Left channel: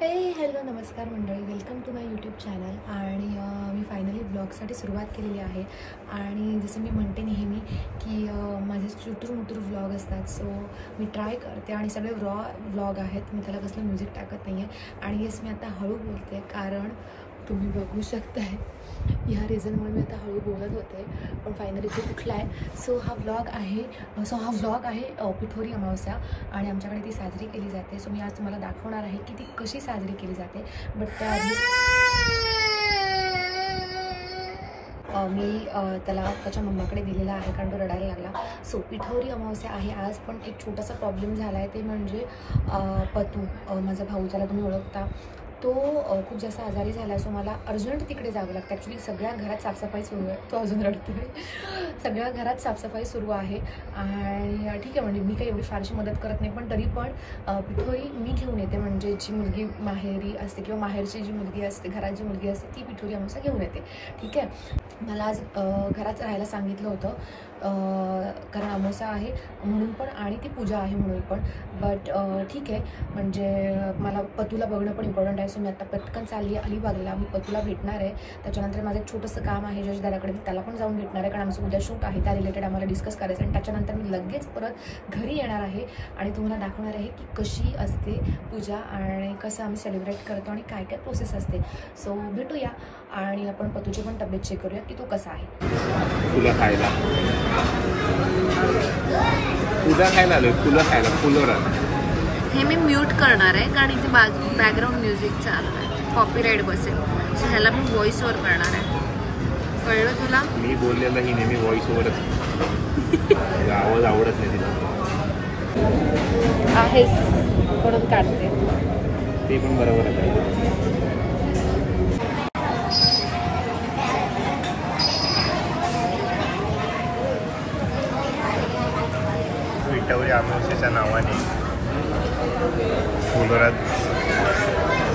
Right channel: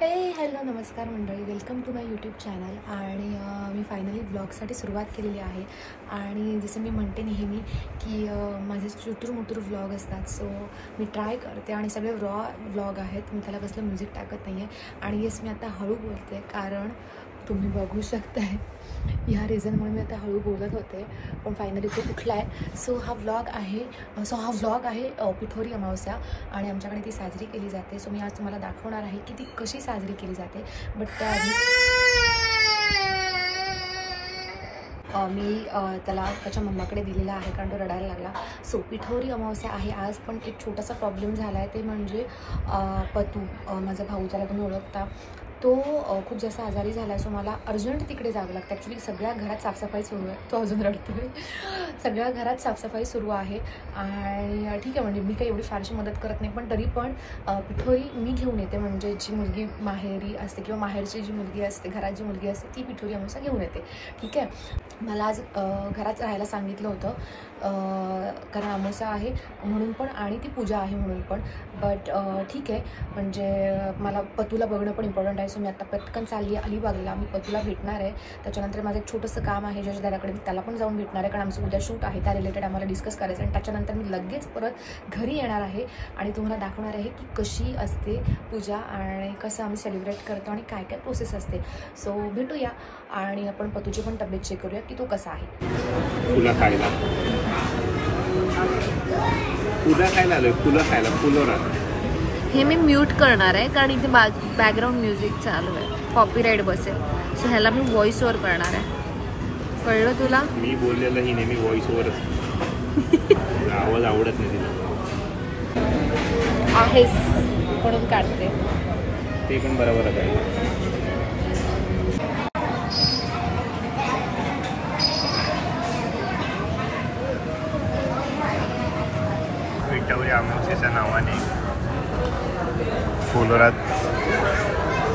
हे हॅलो नमस्कार मंडळी, welcome to my YouTube channel. आणि मी फायनली व्लॉगसाठी सुरुवात केलेली आहे. आणि जसं मी म्हणते नेहमी की माझे चुटूरमुटूर व्लॉग असतात, सो मी ट्राय करते आणि सगळे व्लॉग आहेत. मी त्याला कसलं म्युझिक टाकत नाही आहे. आणि येस, मी आता हळू बोलते कारण तुम्ही बघू शकताय ह्या रिझनमुळे मी आता हळू बोलत होते, पण फायनली तो कुठला आहे. सो हा व्लॉग आहे पिठोरी अमावस्या आणि आमच्याकडे ती साजरी केली जाते. सो मी आज तुम्हाला दाखवणार आहे की ती कशी साजरी केली जाते. बट त्याआधी मी त्याला त्याच्या मम्माकडे दिलेला आहे कारण तो रडायला लागला. सो पिठोरी अमावस्या आहे आज, पण एक छोटासा प्रॉब्लेम झाला आहे. ते म्हणजे पतू, माझा भाऊ, त्याला तुम्ही ओळखता, तो खूप जास्त आजारी झाला आहे. सो मला अर्जंट तिकडे जावं लागतं. ॲक्च्युली सगळ्या घरात साफसफाई सुरू आहे. तो अजून रडतोय. सगळ्या घरात साफसफाई सुरू आहे आणि ठीक आहे, म्हणजे मी काही एवढी फारशी मदत करत नाही, पण तरी पण पिठोरी मी घेऊन येते. म्हणजे जी मुलगी माहेरी असते किंवा माहेरची जी मुलगी असते, घरात जी मुलगी असते, ती पिठोरी अमावस्या घेऊन येते. ठीक आहे. मला आज घरात राहायला सांगितलं होतं कारण अमावस्या आहे म्हणून पण आणि ती पूजा आहे म्हणून पण. बट ठीक आहे, म्हणजे मला पतूला बघणं पण इम्पॉर्टंट आहे. सो मी आता पटकन चालली आहे अलिबागला. मी पतूला भेटणार आहे. त्याच्यानंतर माझं एक छोटंसं काम आहे जजदाराकडे, मी त्याला पण जाऊन भेटणार आहे कारण आमचं उद्या शूट आहे, त्या रिलेटेड आम्हाला डिस्कस करायचं. आणि त्याच्यानंतर मी लगेच परत घरी येणार आहे आणि तुम्हाला दाखवणार आहे की कशी असते पूजा आणि कसं आम्ही सेलिब्रेट करतो आणि काय काय प्रोसेस असते. सो भेटूया आणि आपण पतूची पण तब्येत चेक करूया की तो कसा आहे. फुलं खायला आलो, फुलं खायला फुलोरा. हे मी म्यूट करणार आहे कारण इथे बॅकग्राऊंड म्युझिक चालू आहे, कॉपीराईट बसेल. सो ह्याला मी व्हॉइस ओव्हर करणार आहे. कळलं तुला? मी बोललेलं ही नेहमी व्हॉइस ओव्हरच. आवाज आवडत नाही तिला. आहेस म्हणून काढते. ते पण बरोबरच आहे. पिठोरी अमावस्येच्या नावाने फुलोरात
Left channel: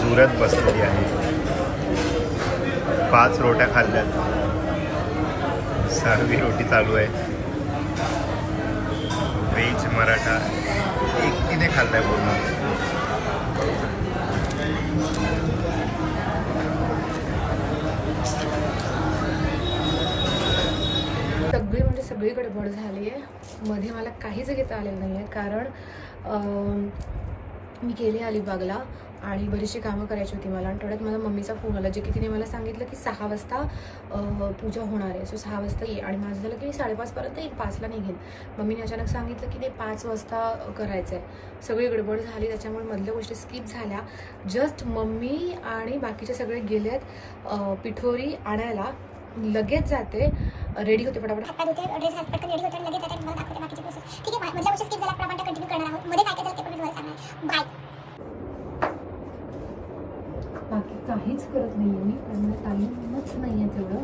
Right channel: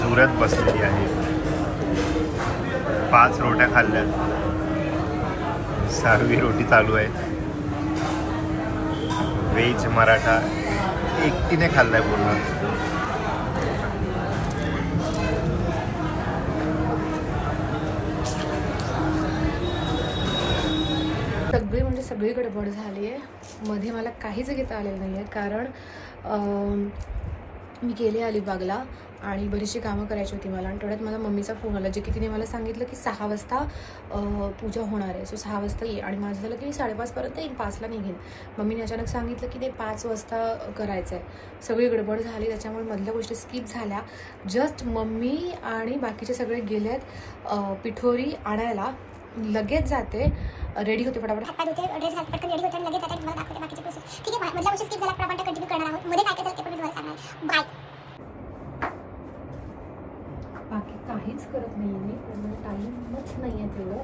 जुरत बसलेली आहे. 5 रोट्या खाल्ल्यात, 6वी रोटी चालू आहे. व्हेज मराठा एकटीने खाल्लाय पूर्ण. सगळी म्हणजे सगळी गडबड झाली आहे. मध्ये मला काहीच घेता आलेलं नाही आहे कारण मी गेले अलिबागला आणि बरीचशी कामं करायची होती मला. आणि थोड्यात माझ्या मम्मीचा फोन आला, जे की तिने मला सांगितलं की 6 वाजता पूजा होणार आहे. सो 6 वाजता ये. आणि माझं झालं की मी 5:30पर्यंत येईन, 5ला निघेन. मम्मीने अचानक सांगितलं की ते 5 वाजता करायचं आहे. सगळी गडबड झाली, त्याच्यामुळे मधल्या गोष्टी स्किप झाल्या. जस्ट मम्मी आणि बाकीचे सगळे गेलेत पिठोरी आणायला. लगेच जाते, रेडी होते, फटाफट ड्रेस घालते, पटकन रेडी होते आणि लगेच जाते. मला दाखवते बाकीचे प्रोसेस. ठीक आहे, मधल्या गोष्टी स्किप झाल्या, आपण कंटिन्यू करणार आहोत. मध्ये काय काय झालं ते पण मी तुम्हाला सांगणार. बाय. बाकी काहीच करत नाही मी कारण टाईमच नाही आहे तेवढं.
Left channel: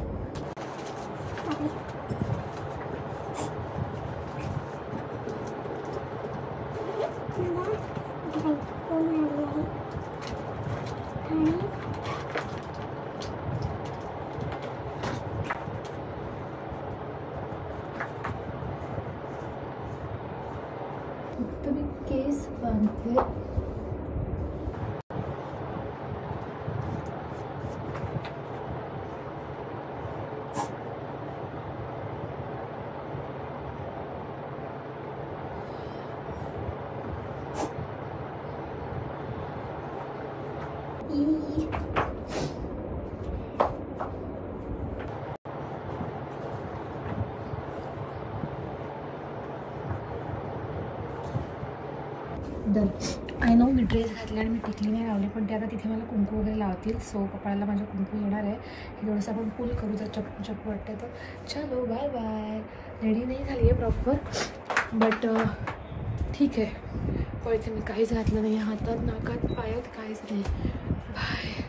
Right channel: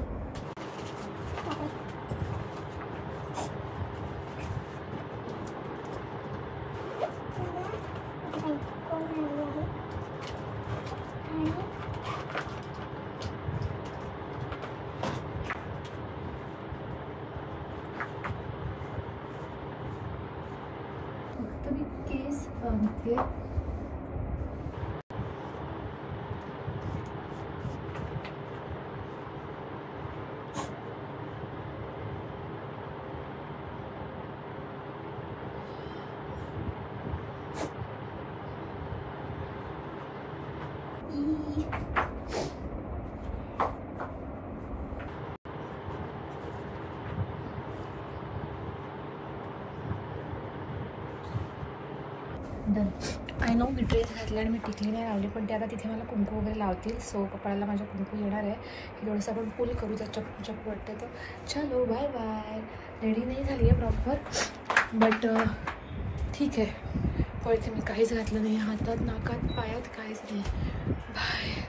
फक्त मी केस बांधते. Done. I know me dress घातला आणि मी टिकली नाही लावली, पण ते आता तिथे मला कुंकू वगैरे लावतील. सो कपाळाला माझ्या कुंकू येणार आहे. हे थोडंसं आपण फुल करू, जर चप्पू चप्पू वाटते तर. चलो बाय बाय. रेडी नाही झाली आहे प्रॉपर, बट ठीक आहे. पण इथे मी काहीच घातलं नाही, हातात नाकात पायात काहीच नाही. बाय.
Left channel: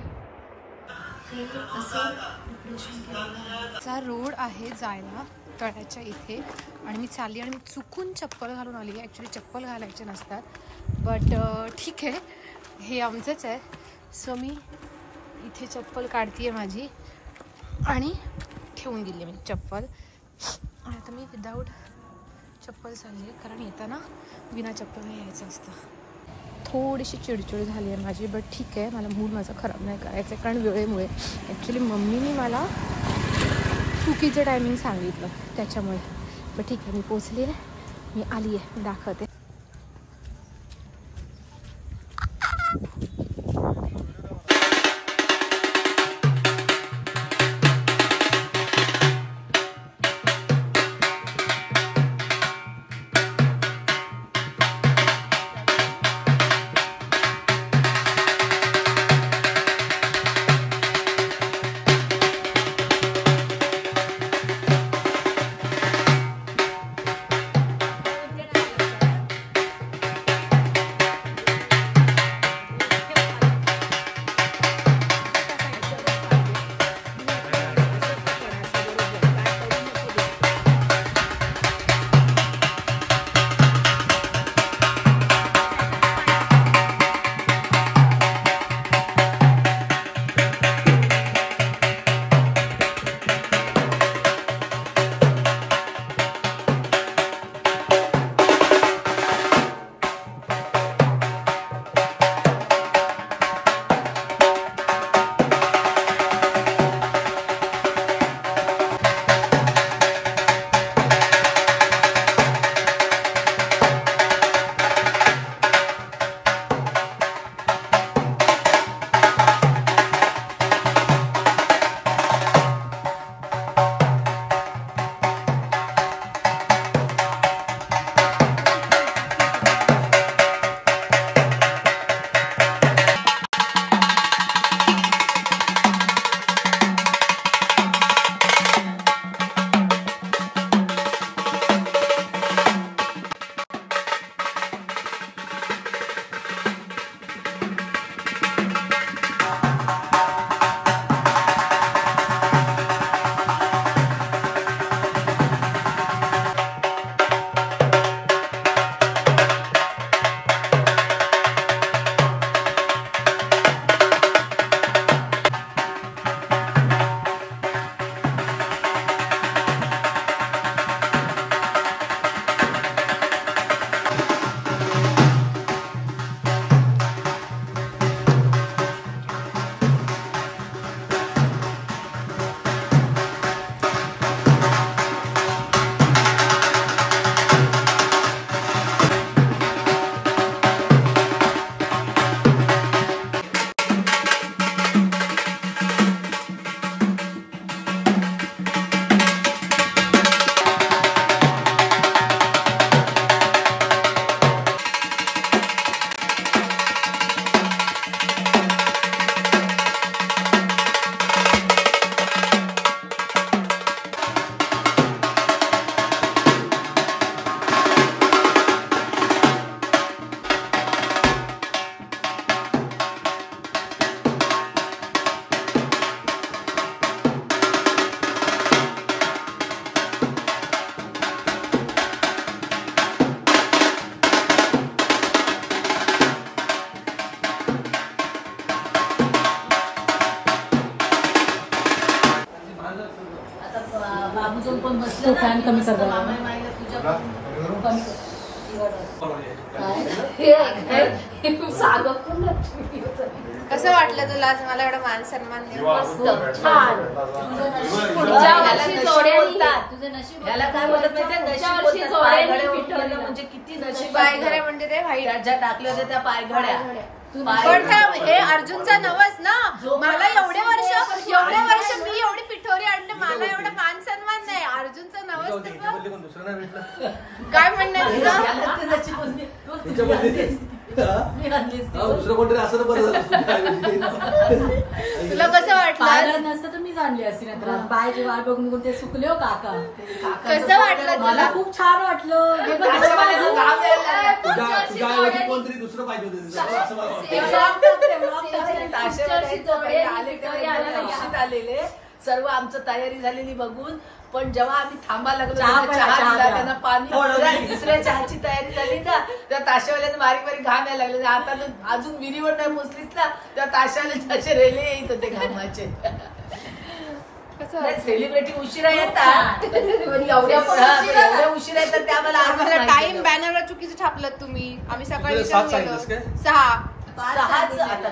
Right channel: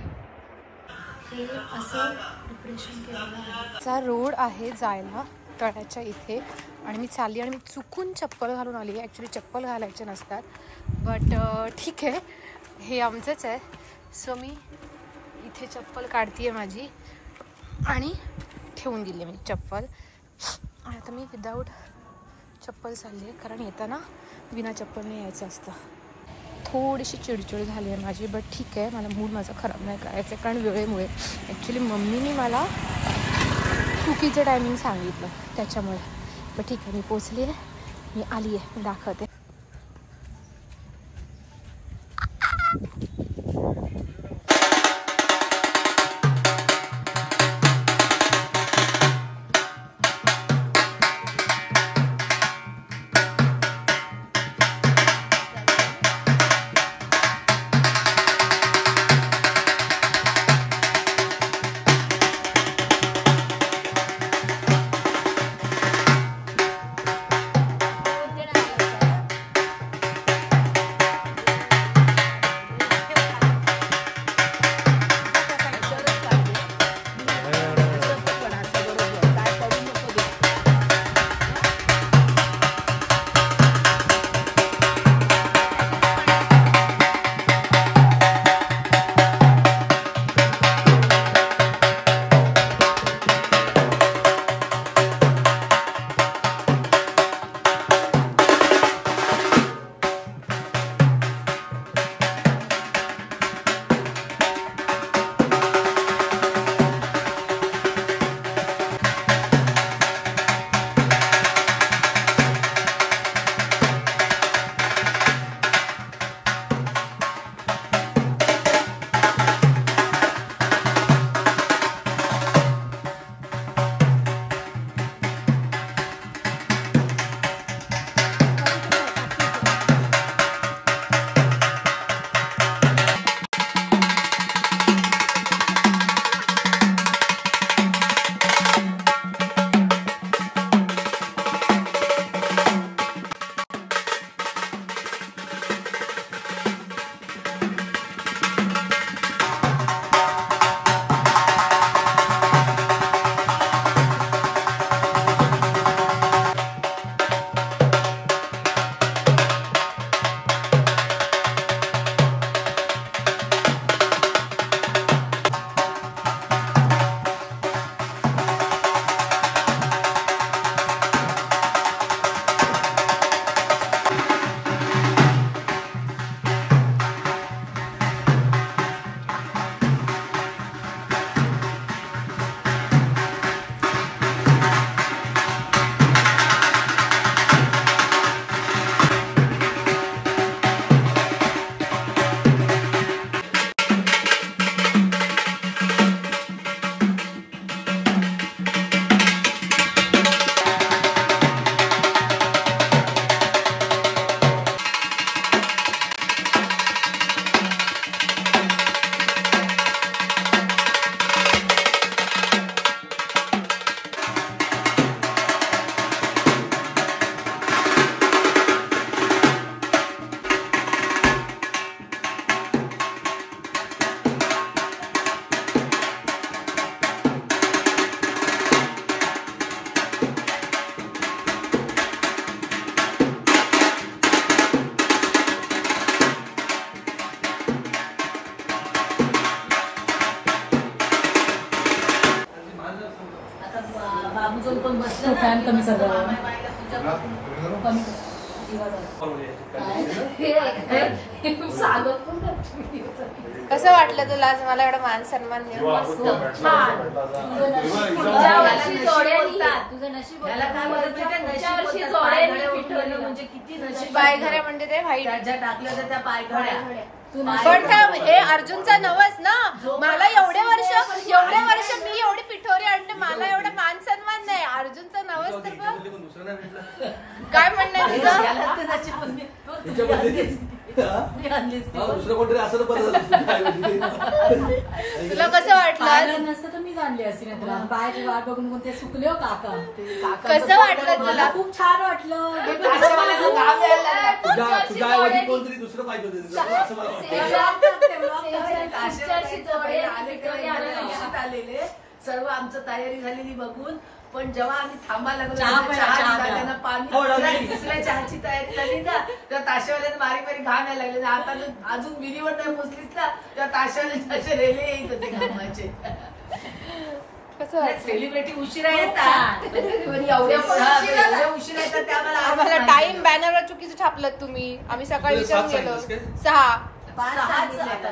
हे असं प्रिपरेशन केलेलं रोड आहे जायला तळ्याच्या इथे आणि मी चालली आणि मी चुकून चप्पल घालून आली. ॲक्च्युली चप्पल घालायचे नसतात, बट ठीक आहे, हे आमचंच आहे. सो मी इथे चप्पल काढते आहे माझी आणि ठेवून दिली मी चप्पल. आणि आता मी विदाऊट चप्पल चालली आहे कारण येताना बिना चप्पलने यायचं असतं. थोडीशी चिडचिड झाली आहे माझी, बट ठीक आहे, मला मूड माझा खराब नाही करायचं कारण वेळेमुळे ॲक्च्युली मम्मीनी मला चुकीचं टायमिंग सांगितलं त्याच्यामुळे. बट ठीक आहे, मी पोचली आहे, मी आली आहे, मी दाखवते. तो फॅन कमी कर कसं वाटलं तुला आज मला एवढा मान सन्मान पायघड्या म्हणजे ते व्हाईट टाकले होते त्या पायघड्या पण हे अर्जुनचा नवस ना मला एवढे वर्ष मी एवढी पिठोरी आणते मला एवढा मान सन्मान नाही अर्जुनचा नवस तर काय म्हणणार दुसरं कोणतरी असं बरं झालं तुला कसं वाटलं नसतं तर मी जाणली असती नाही तर बायचे वाट बघून ते सुकले हो काका कसं वाटलं तुला खूप छान वाटलं कोणतरी दुसरं पाहिजे आलेले सर्व आमचं तयारी झालेली बघून पण जेव्हा आम्ही थांबा लागलो त्यांना पाणी दुसऱ्या चहाची तयारी झाली ना त्या ताशावाल्यानं बारीक बारीक घाम यायला लागले आता अजून विहिरीवर नाही पोचलीच ना त्या ताशावाल्याचे असे रेले येत होते घामाचे सेलिब्रिटी उशिरा येतात एवढ्या उशिरा येतात ते आम्हाला टाइम बॅनरवर चुकीचं छापलं तुम्ही. आम्ही सकाळी विचारून गेलो 6. 6च आता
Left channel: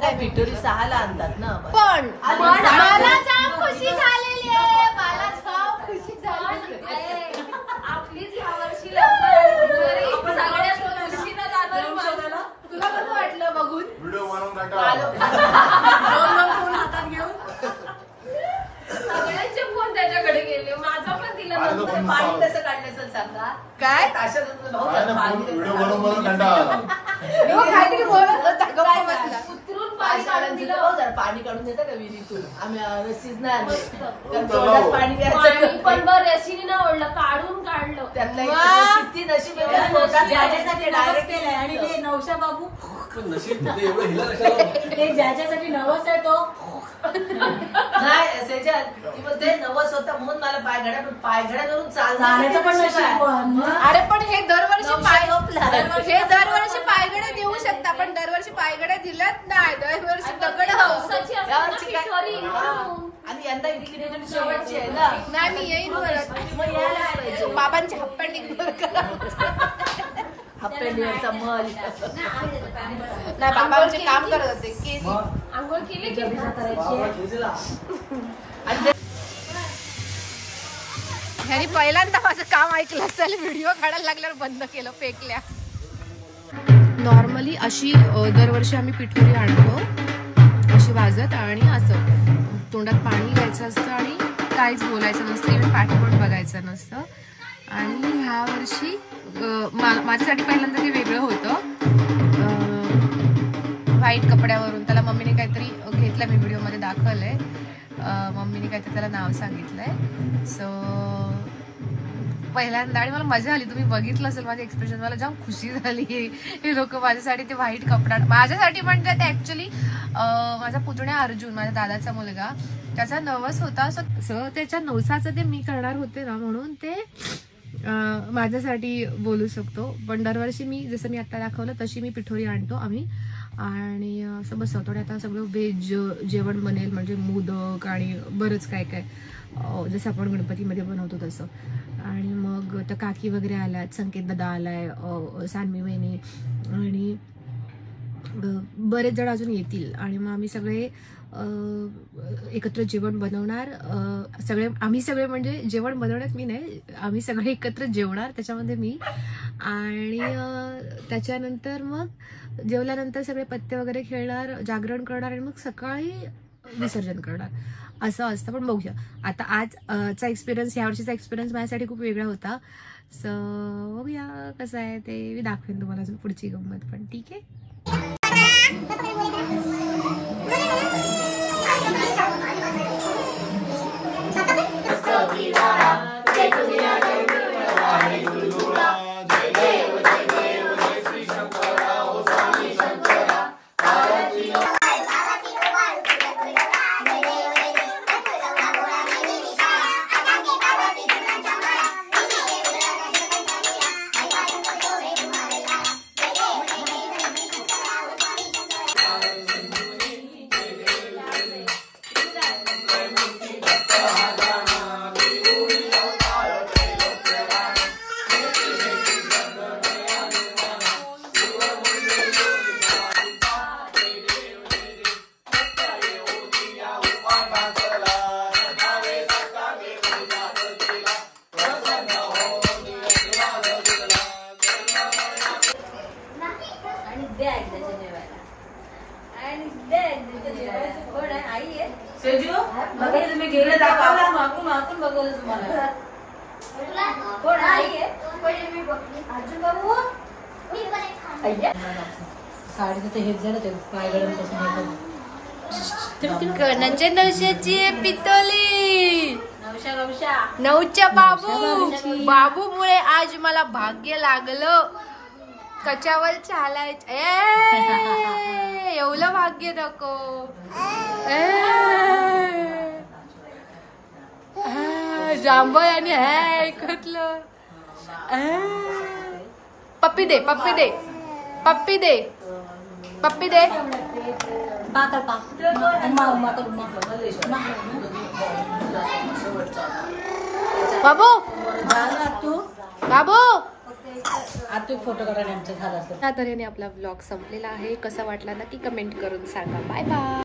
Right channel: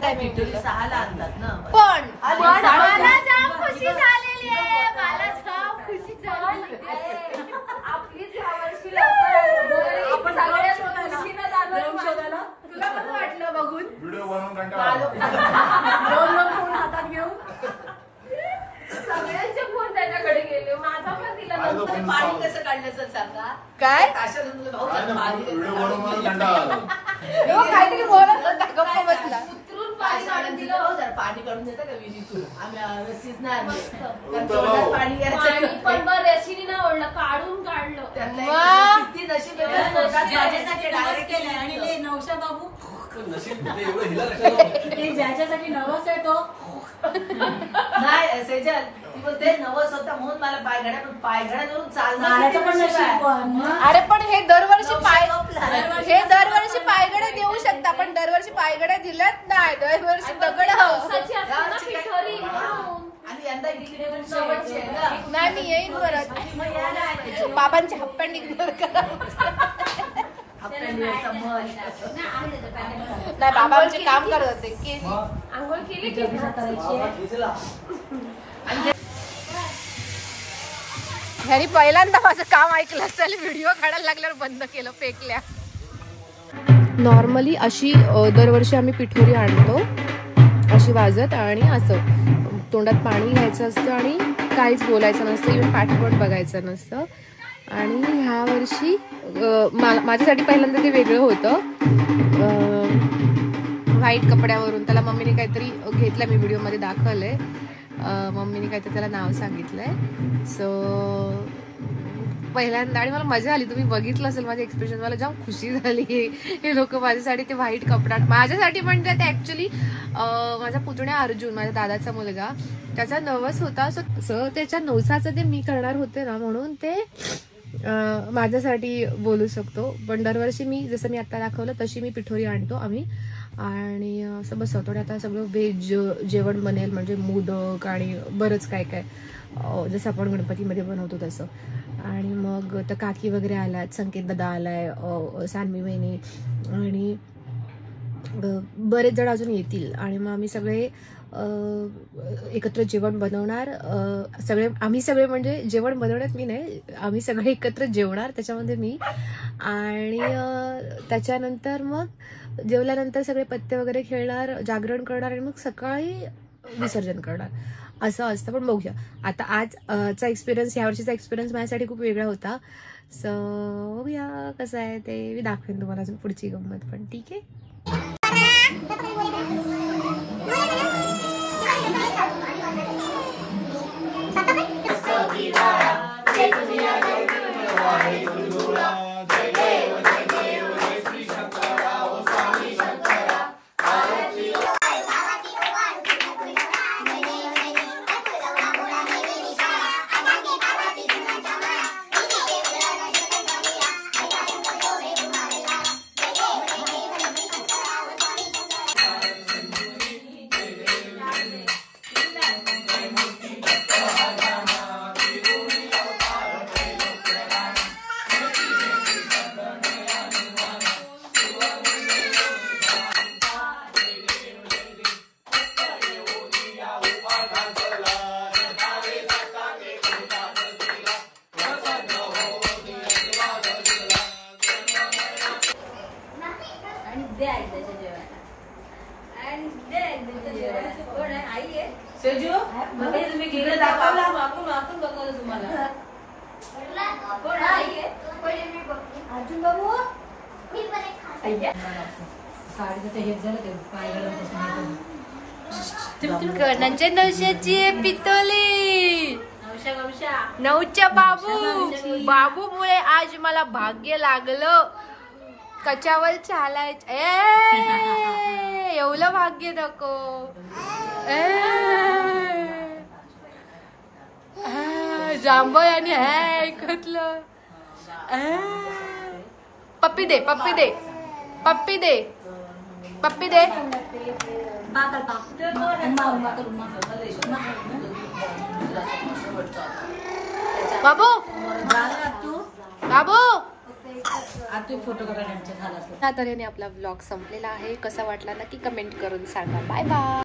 त्यांनी पिठोरी 6ला आणतात ना. पण मला जाम खुशी झालेली आहे. मला जाम खुशी झाली. आपलीच ह्या वर्षी लवकर सगळ्यात खुशीनं जाणार. तुला कसं वाटलं बघून? व्हिडिओ बनवून कंटाळा फोन हातात घेऊन सगळ्यांचे फोन त्याच्याकडे गेले. माझा पण दिला. पाणी कसं काढलं सर सांगा. काय व्हिडिओ बनवून कंटाळा काहीतरी बोलत होता गप्पा बसला. उतरून पाणी काढून दिलं. पाणी काढून देतात का विहिरीतून. आम्ही रसीच नाही आणली. पाणी पण बरं रशीने नाही ओढलं, काढून काढलं. किती नशीब डायरेक्ट केलंय. आणि ते नवशा बाबू नशीब एवढं हिला कशाला ते ज्याच्यासाठी नवस आहे तो नाही सेजल ती म्हणते नवस होतं म्हणून मला पायघड्यावरून चालण्याचं पण नशीब. अरे पण हे दरवर्षी पायगड्या देऊ शकता, पण दरवर्षी पायगड्या दिल्यात नाही. दरवर्षी दगड आणि यंदा इडली शेवटची आहे ना. नाही मी येईन परत. बाबांचे हप्पंडी हप्पेंडीवरचा मल नाही बाबांचे काम करत होते की आंघोळ केली की ह्यानी पहिल्यांदा माझं काम ऐकलं असेल. व्हिडिओ काढायला लागल्यावर बंद केलं, फेकल्या. नॉर्मली अशी दरवर्षी आम्ही पिठोरी आणतो अशी वाजत आणि असं तोंडात पाणी घ्यायचं असतं आणि काहीच बोलायचं नसतं, इव्हन पाठी पण बघायचं नसतं. आणि ह्या वर्षी माझ्यासाठी पहिल्यांदा ते वेगळं होतं. व्हाईट कपड्यावरून त्याला मम्मीने काहीतरी घेतलंय, मी व्हिडिओमध्ये दाखवलंय. मम्मीने काहीतरी त्याला नाव सांगितलंय. सो पहिल्यांदा आणि मला मजा आली. तुम्ही बघितलं असेल माझे एक्सप्रेशन, मला जाम खुशी झाली. हे लोक माझ्यासाठी ते व्हाईट कपडा, माझ्यासाठी पण ते ऍक्च्युली माझा पुतण्या अर्जुन, माझ्या दादाचा मुलगा, त्याचा नवस होता. सो त्याच्या नवसाचं ते मी करणार होते ना, म्हणून ते माझ्यासाठी बोलू शकतो. पण दरवर्षी मी जसं मी आता दाखवलं तशी मी पिठोरी आणतो आम्ही आणि असं बसवतो. आता सगळं व्हेज जेवण बनेल, म्हणजे मोदक आणि बरंच काय काय जसं आपण गणपतीमध्ये बनवतो तसं. आणि मग तर काकी वगैरे आल्यात, संकेत दादा आलाय, सानवी वहिनी आणि बरेच जण अजून येतील. आणि मग आम्ही सगळे एकत्र जेवण बनवणार. आम्ही सगळे म्हणजे जेवण बनवण्यात मी नाही, आम्ही सगळे एकत्र जेवणार त्याच्यामध्ये मी. आणि त्याच्यानंतर मग जेवल्यानंतर सगळे पत्ते वगैरे खेळणार, जागरण करणार आणि मग सकाळी विसर्जन करणार असं असतं. पण बघूया आता आजचा एक्सपिरियन्स, ह्या वर्षीचा एक्सपिरियन्स माझ्यासाठी खूप वेगळा होता. सो बघूया कसं आहे ते मी दाखवेन तुम्हाला अजून पुढची गंमत पण. ठीक आहे. कोणाच्या नवशाची पितोली? नऊच्या बाबूमुळे आज मला भाग्य लागलं. कच्यावर चालायचं एवढं भाग्य नको. जांभळ आणि ऐकतलं. पप्पी दे, पप्पी दे, पप्पी दे. पप्पी दे. बाबू बाबू. आता फोटो काढायला आमच्या झाला असं. त्या तऱ्हेने आपला व्लॉग संपलेला आहे. कसा वाटला नक्की कमेंट करून सांगा. Bye bye.